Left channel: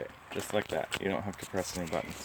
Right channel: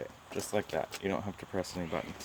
Okay, just like that. You don't have to press any buttons.